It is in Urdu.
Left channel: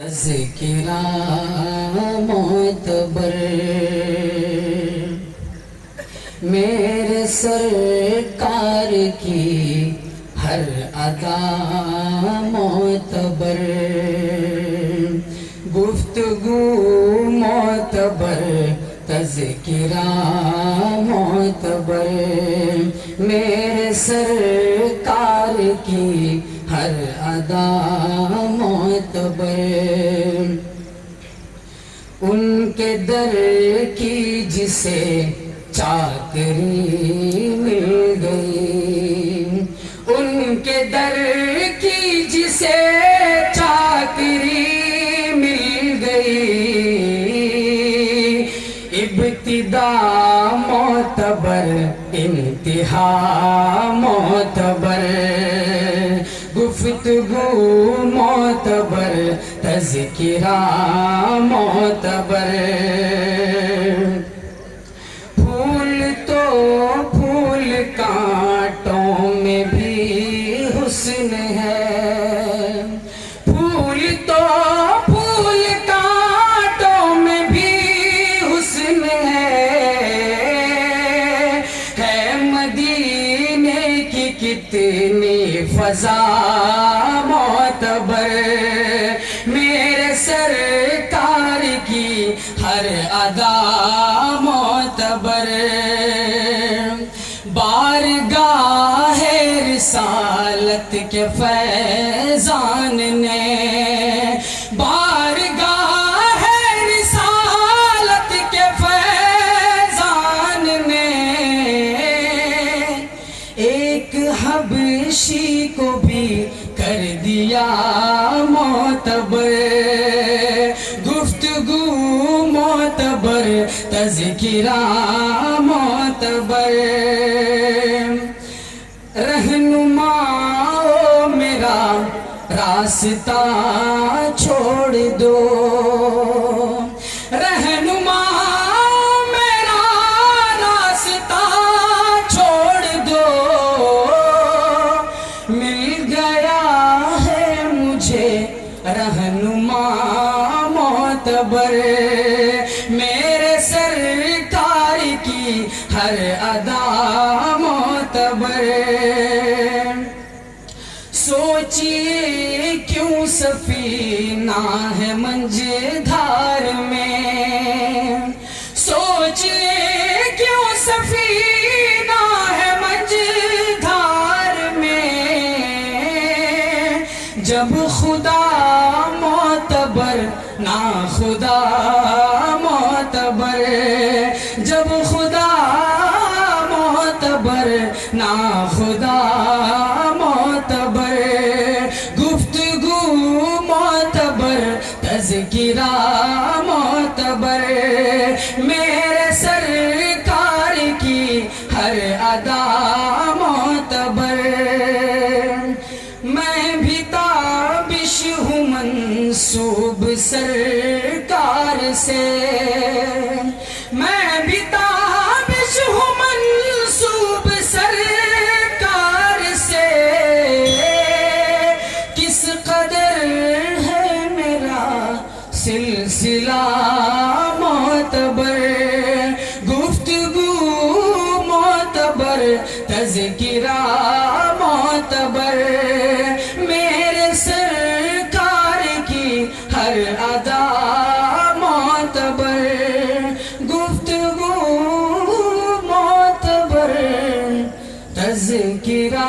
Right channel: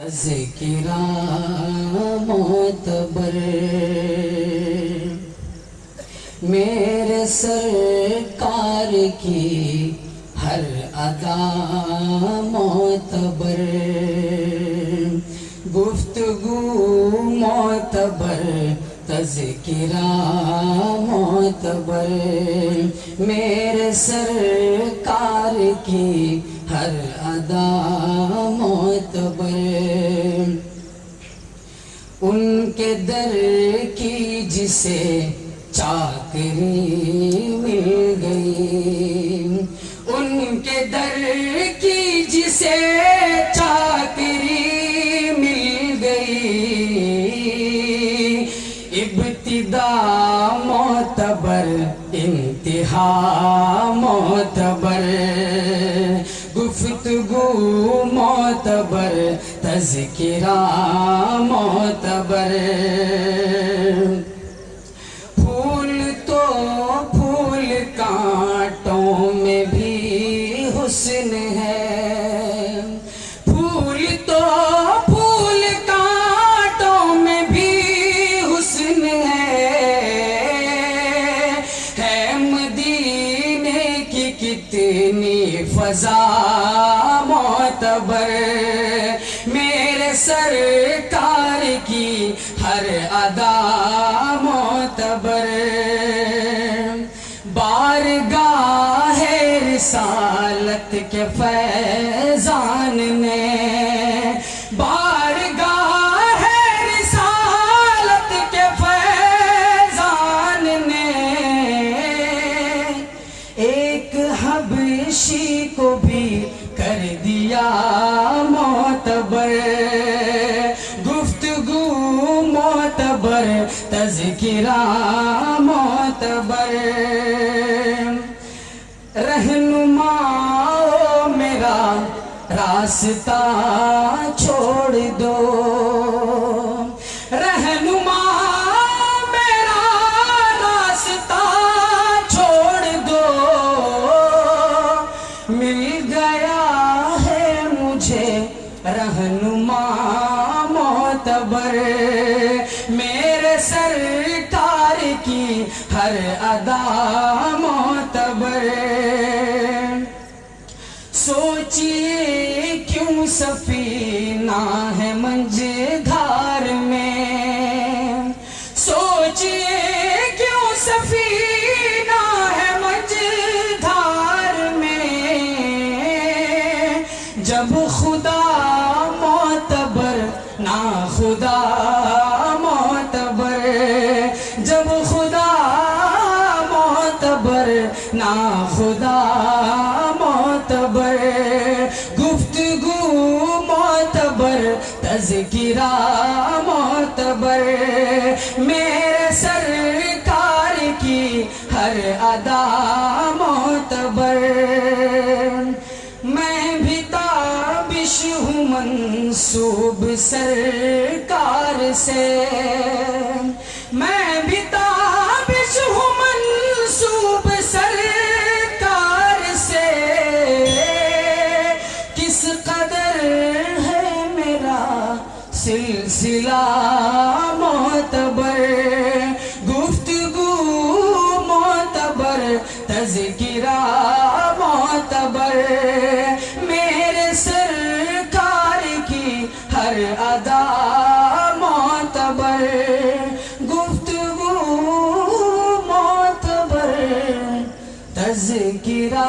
تذکرہ معتبر میرے سرکار کی ہر ادا معتبر، گفتگو معتبر، تذکرہ معتبر، میرے سرکار کی ہر ادا معتبر، ان کے در کی جسے چاکری مل گئی، ان کے در کی جسے چاکری مل گئی، ابتدا معتبر انتہا معتبر، گفتگو معتبر، تذکرہ معتبر، پھول تو پھول کانٹوں میں بھی حسن ہے، پھول تو پھول کانٹوں میں بھی حسن ہے مدینے کی کتنی فضا معتبر، میرے سرکار کی ہر ادا معتبر، بارگاہ رسالت کے فیضان نے، بارگاہ رسالت کے فیضان نے، ایک حبشی کو بھی کر دیا معتبر، گفتگو معتبر، تذکرہ معتبر، رہنما میرا راستہ چھوڑ دو، رہنما میرا راستہ چھوڑ دو، مل گیا ہے مجھے رہنما معتبر، میرے سرکار کی ہر ادا معتبر، سوچئے کیوں سفینہ ہے منجھدار میں، سوچئے کیوں سفینہ ہے منجھدار میں، جب خدا معتبر نا خدا معتبر، جب خدا معتبر نا خدا معتبر، گفتگو معتبر، تذکرہ معتبر، میرے سرکار کی ہر ادا معتبر، میں بھی تابش ہوں منسوب سرکار سے، میں بھی تابش ہوں منسوب سرکار سے، کس قدر ہے میرا سلسلہ معتبر، گفتگو معتبر، تذکرہ معتبر، میرے سرکار کی ہر ادا معتبر، گفتگو معتبر، تذکرہ